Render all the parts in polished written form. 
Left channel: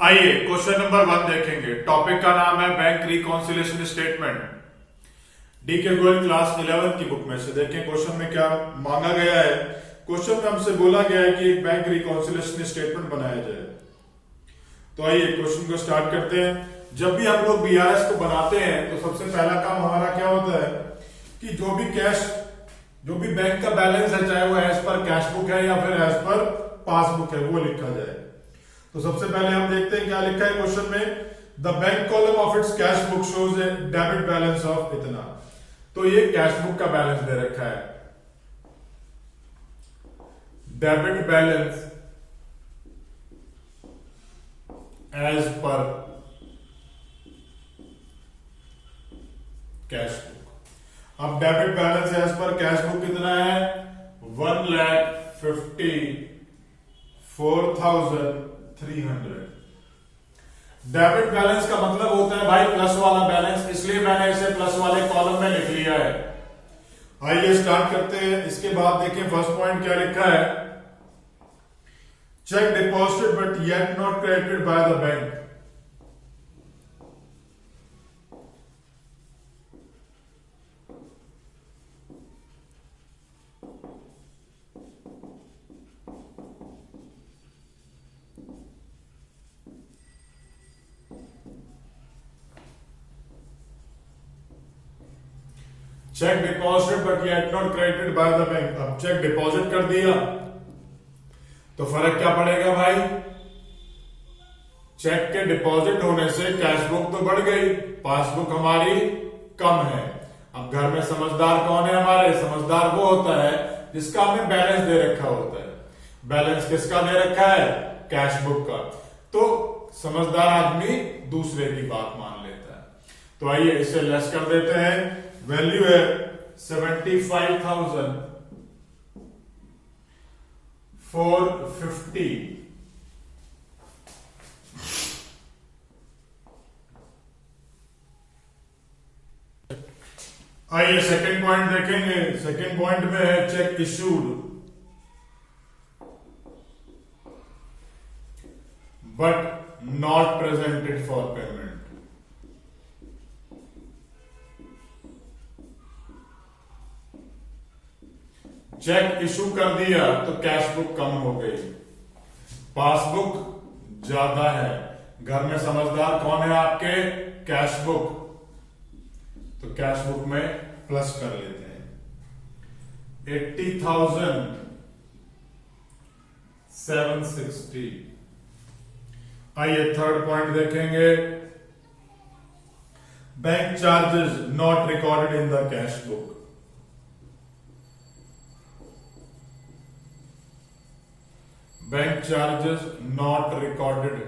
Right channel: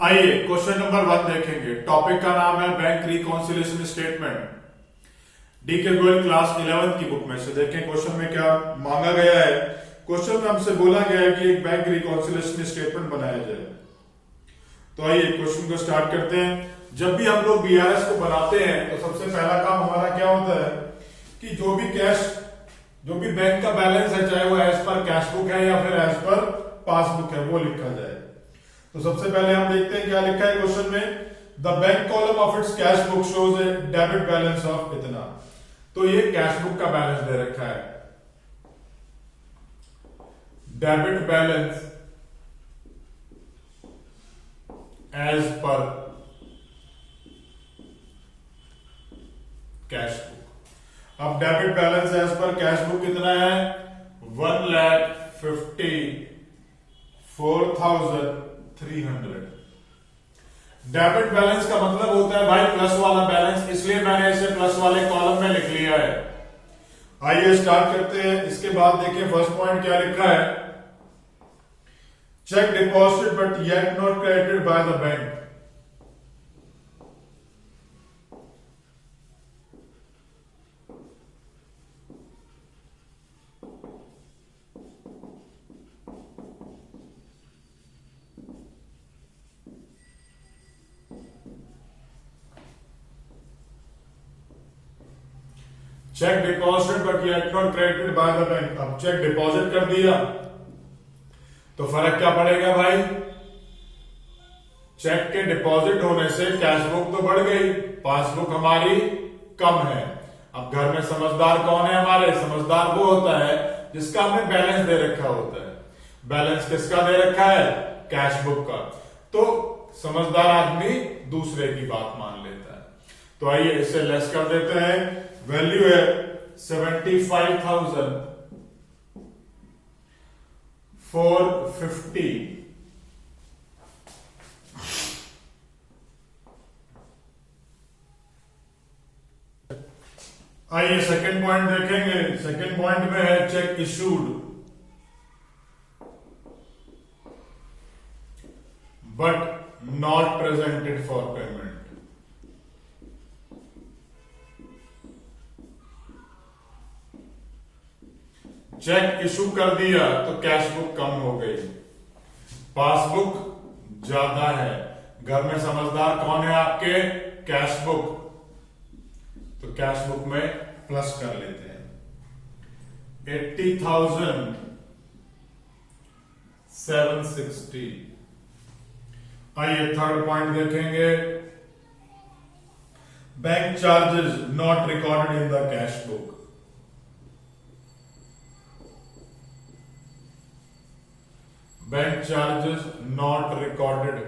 आइए question number 1 देखेंगे। Topic का नाम है बैंक रिकॉन्सिलेशन स्टेटमेंट। डी के गोयल क्लास 11 की बुक में से देखें क्वेश्चन में क्या मांगा गया है। क्वेश्चन में हमसे बोला गया है कि एक बैंक रिकॉन्सिलेशन स्टेटमेंट बनाया जाए। तो आइए क्वेश्चन को स्टार्ट करते हैं। जब भी हम लोग बीआरएस को बनाते हैं तो सबसे पहला काम हमारा क्या होता है कि जो भी बैंक का बैलेंस है, चाहे वो एज पर कैश बुक है या फिर एज पर पासबुक है, वो लिखा जाए। तो सबसे पहले हम देखते हैं क्या लिखा है क्वेश्चन में। The bank column of its cash book shows a debit balance of इतना। तो ये कैश बुक का बैलेंस दे रखा है, debit balance as per cash book. अब debit balance as per cash book कितना है? 1,54,300। डेबिट बैलेंस का मतलब होता है भाई प्लस वाला बैलेंस, इसलिए मैंने इसे प्लस वाले कॉलम में लिख लिया है। आइए स्टार्ट करते हैं। इसके बाद देखिए फर्स्ट पॉइंट क्या लिखा है। Check deposited but yet not credited bye the bank. Check deposited but yet not credited bye the bank. अब चेक डिपॉजिट कर दिया तो फर्क क्या पड़ेगा भाई? चेक के डिपॉजिट होने से कैश बुक तो बढ़ गई, पासबुक हमारी कम है। अब घर में समझदार कौन है हमारे? समझदार वो होता है जिसका हमें बैलेंस दे रखा होता है। बैलेंस किसका दे रखा है? कैश बुक का। तो समझदार आदमी दूसरे की बात मान लेता है। तो आइए इसे लेस कर देते हैं। वैल्यू है 75,450। आइए सेकंड पॉइंट देखेंगे। सेकंड पॉइंट में है cheque issued but not presented for payment. Cheque issue कर दिया तो कैश बुक कम हो गई, पासबुक ज्यादा है। घर में समझदार कौन है आपके? Cash book. तो कैश बुक में प्लस कर लेते हैं। 80,760। आइए थर्ड पॉइंट देखेंगे। Bank charges not recorded in the cash book. Bank charges not recorded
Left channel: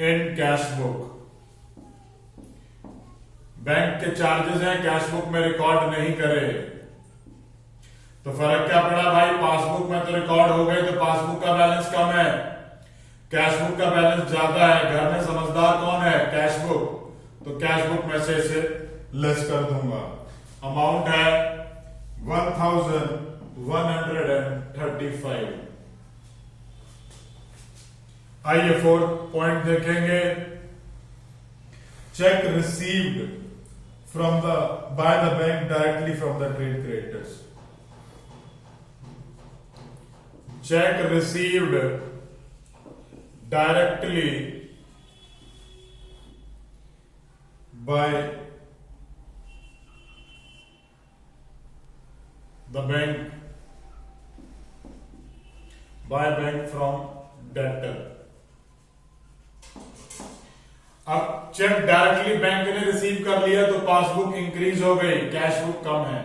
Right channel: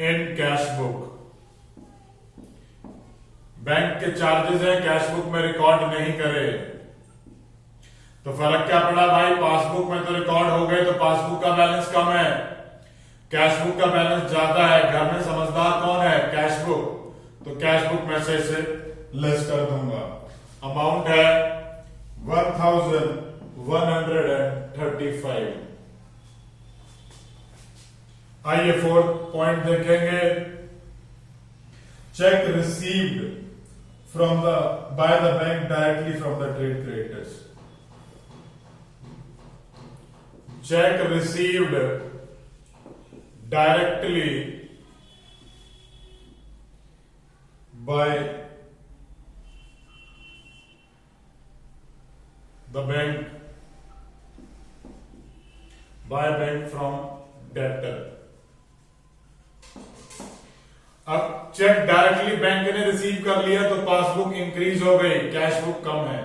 in cash book. Bank के चार्जेस हैं, कैश बुक में रिकॉर्ड नहीं करे तो फर्क क्या पड़ा भाई? पासबुक में तो रिकॉर्ड हो गई तो पासबुक का बैलेंस कम है, कैश बुक का बैलेंस ज्यादा है। घर में समझदार कौन है? Cash book. तो कैश बुक में से इसे लेस कर दूंगा। अमाउंट है 1,135। आइए फोर्थ पॉइंट देखेंगे। Cheque received from the by the bank directly from the trade creditors. Cheque received directly by the bank from debtor. अब चेक डायरेक्टली बैंक ने रिसीव कर लिया तो पासबुक इंक्रीज हो गई, कैश बुक कम है।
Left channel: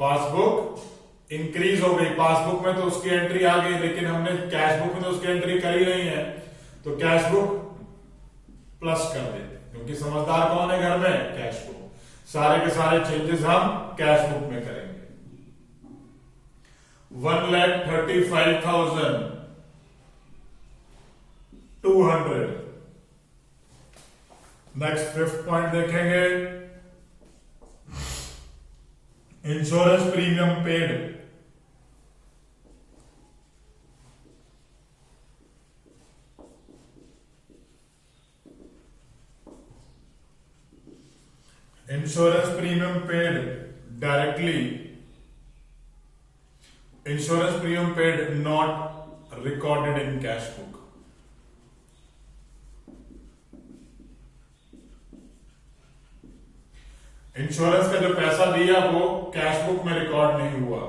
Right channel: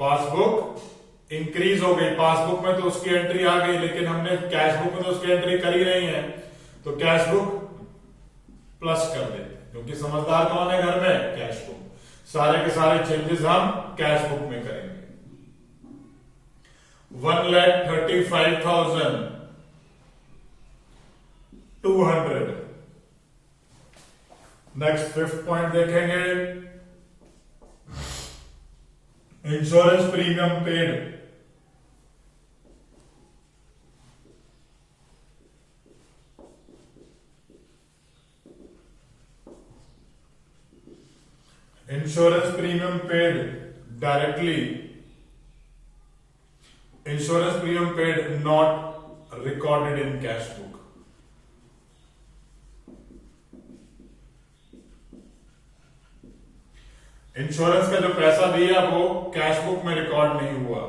पासबुक इंक्रीज हो गई, पासबुक में तो उसकी एंट्री आ गई लेकिन हमने कैश बुक में तो उसकी एंट्री करी नहीं है, तो कैश बुक प्लस कर दे, क्योंकि समझदार कौन है घर में? Cash book. सारे के सारे चेंजेस हम कैश बुक में करेंगे। 1,35,200। नेक्स्ट फिफ्थ पॉइंट देखेंगे। Insurance premium paid insurance premium paid directly, insurance premium paid not recorded in cash book. Insurance का जो पैसा दिया वो कैश बुक में रिकॉर्ड नहीं हुआ।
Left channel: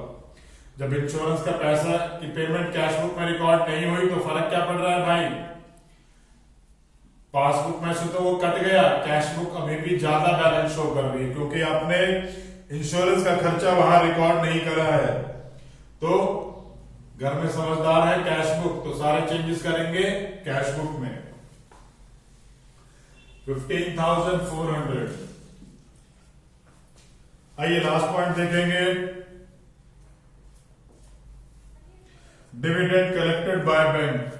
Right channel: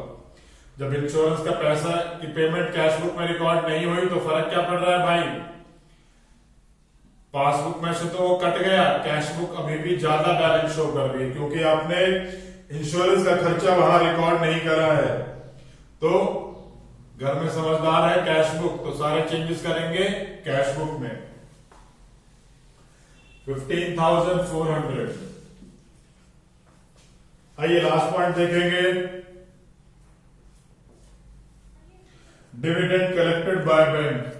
जब इंश्योरेंस का पैसा की पेमेंट कैश बुक में रिकॉर्ड नहीं हुई तो फर्क क्या पड़ रहा है भाई, पासबुक में से तो वो कट गया, कैश बुक अभी भी ज्यादा बैलेंस शो कर रही है क्योंकि आपने इंश्योरेंस का खर्चा वहां रिकॉर्ड नहीं करा है। तो घर में समझदार है कैश बुक, तो सारे चेंजेस करेंगे कैश बुक में। 15,400। आइए लास्ट पॉइंट देखेंगे, dividend collected by bank.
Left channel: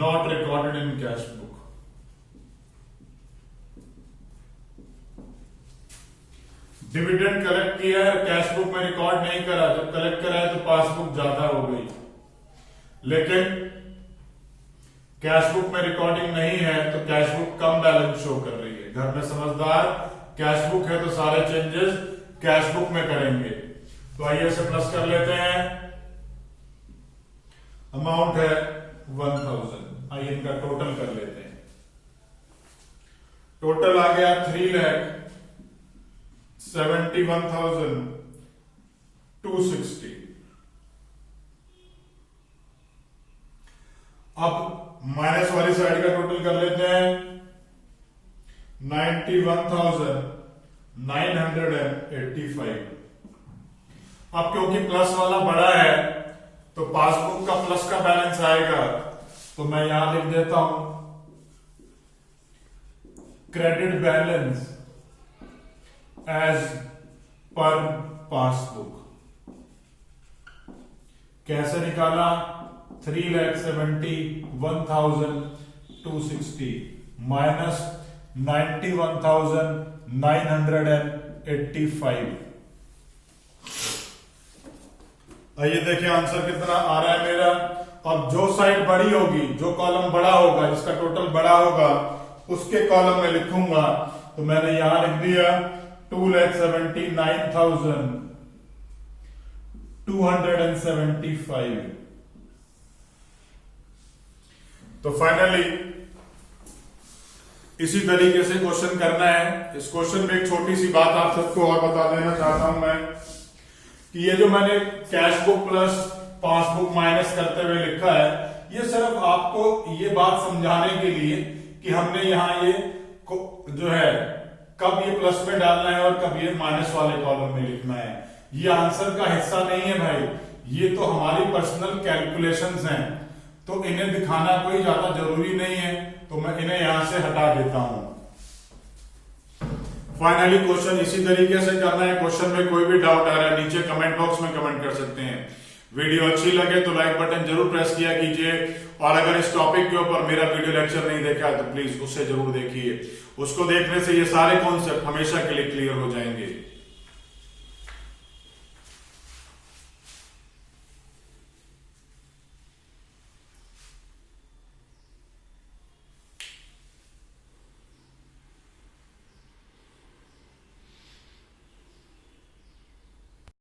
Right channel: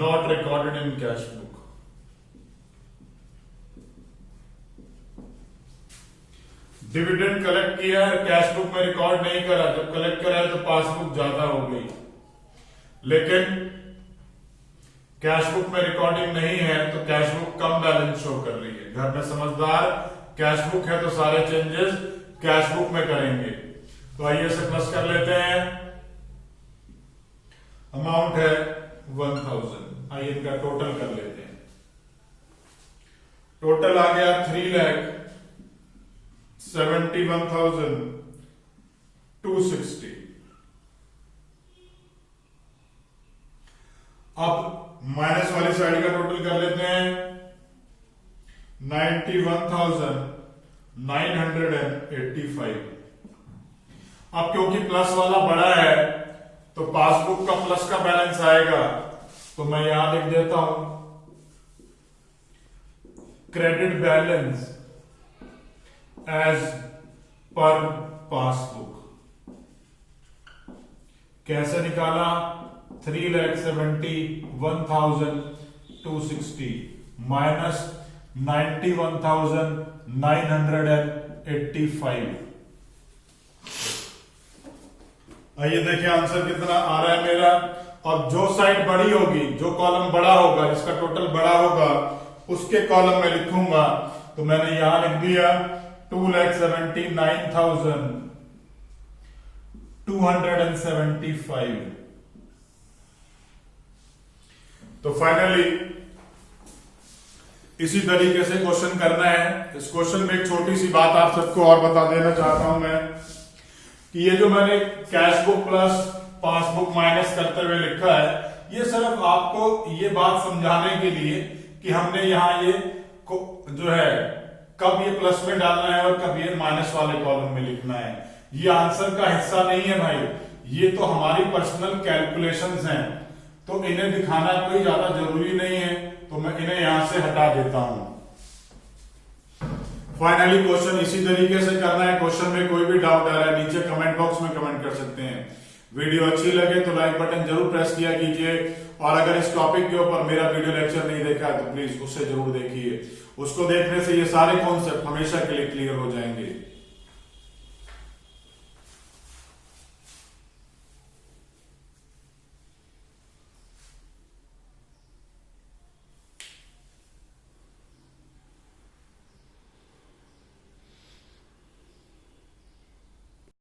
Not recorded in cash book. Dividend collect किया है, कैश बुक में रिकॉर्ड नहीं करा, जब कलेक्ट करा है तो पासबुक ज्यादा हो गई, लेकिन कैश बुक में रिकॉर्डिंग नहीं है तो कैश बुक कम बैलेंस शो कर रही है। घर में समझदार, कैश बुक है तो सारे चेंजेस कैश बुक में करेंगे। तो आइए से प्लस कर लेते हैं, अमाउंट है 1000। आइए इनका टोटल कर लेते हैं, टोटल आ गया 3,71,260। अब माइनस वाली साइड का टोटल कर लेते हैं, 91,985। अब क्योंकि प्लस वाला बड़ा है तो पासबुक का प्लस का बैलेंस आएगा, तो मैं यहां लिख देता हूं credit balance as per passbook. कैसे निकाला, 3,71,260 माइनस 91,985। आइए देखिए आंसर कितना आ रहा है मेरा। अब जो साइड बड़ी होगी, जो कॉलम बड़ा होगा, जिसका टोटल बड़ा होगा, उसके कॉलम में लिखूंगा। तो मैंने यहां लिख दिया 2,79,275। तो फाइनली इसी तरीके से क्वेश्चन करना है। इस क्वेश्चन में एक छोटी सी बात आप सबको और बता देना चाहता हूं मैं, कि ये जो मैंने cash book plus passbook minus करते हुए लिखा है, ये सिर्फ आपको ये बात समझाने के लिए कि हमने यहां ये जो है कब ये प्लस में डालना है और कब ये माइनस वाले कॉलम में लिखना है। ये आंसर का हिस्सा नहीं है भाई, ये तो हमारी पर्सनल कैलकुलेशंस हैं, तो इन्हें दिखाना कोई ज्यादा जरूरी नहीं है, तो मैं इन्हें यहां से हटा देता हूं। फाइनली क्वेश्चन इसी तरीके से करना है। क्वेश्चन में कोई भी डाउट आ रहा है नीचे कमेंट बॉक्स में कमेंट कर सकते हैं। वीडियो अच्छी लगे तो लाइक बटन जरूर प्रेस किया कीजिए, और अगर इस टॉपिक के ऊपर मेरा वीडियो लेक्चर नहीं देखा तो प्लीज उसे जरूर देखिए। उसको देखने से ये सारे कॉन्सेप्ट हमेशा के लिए क्लियर हो जाएंगे।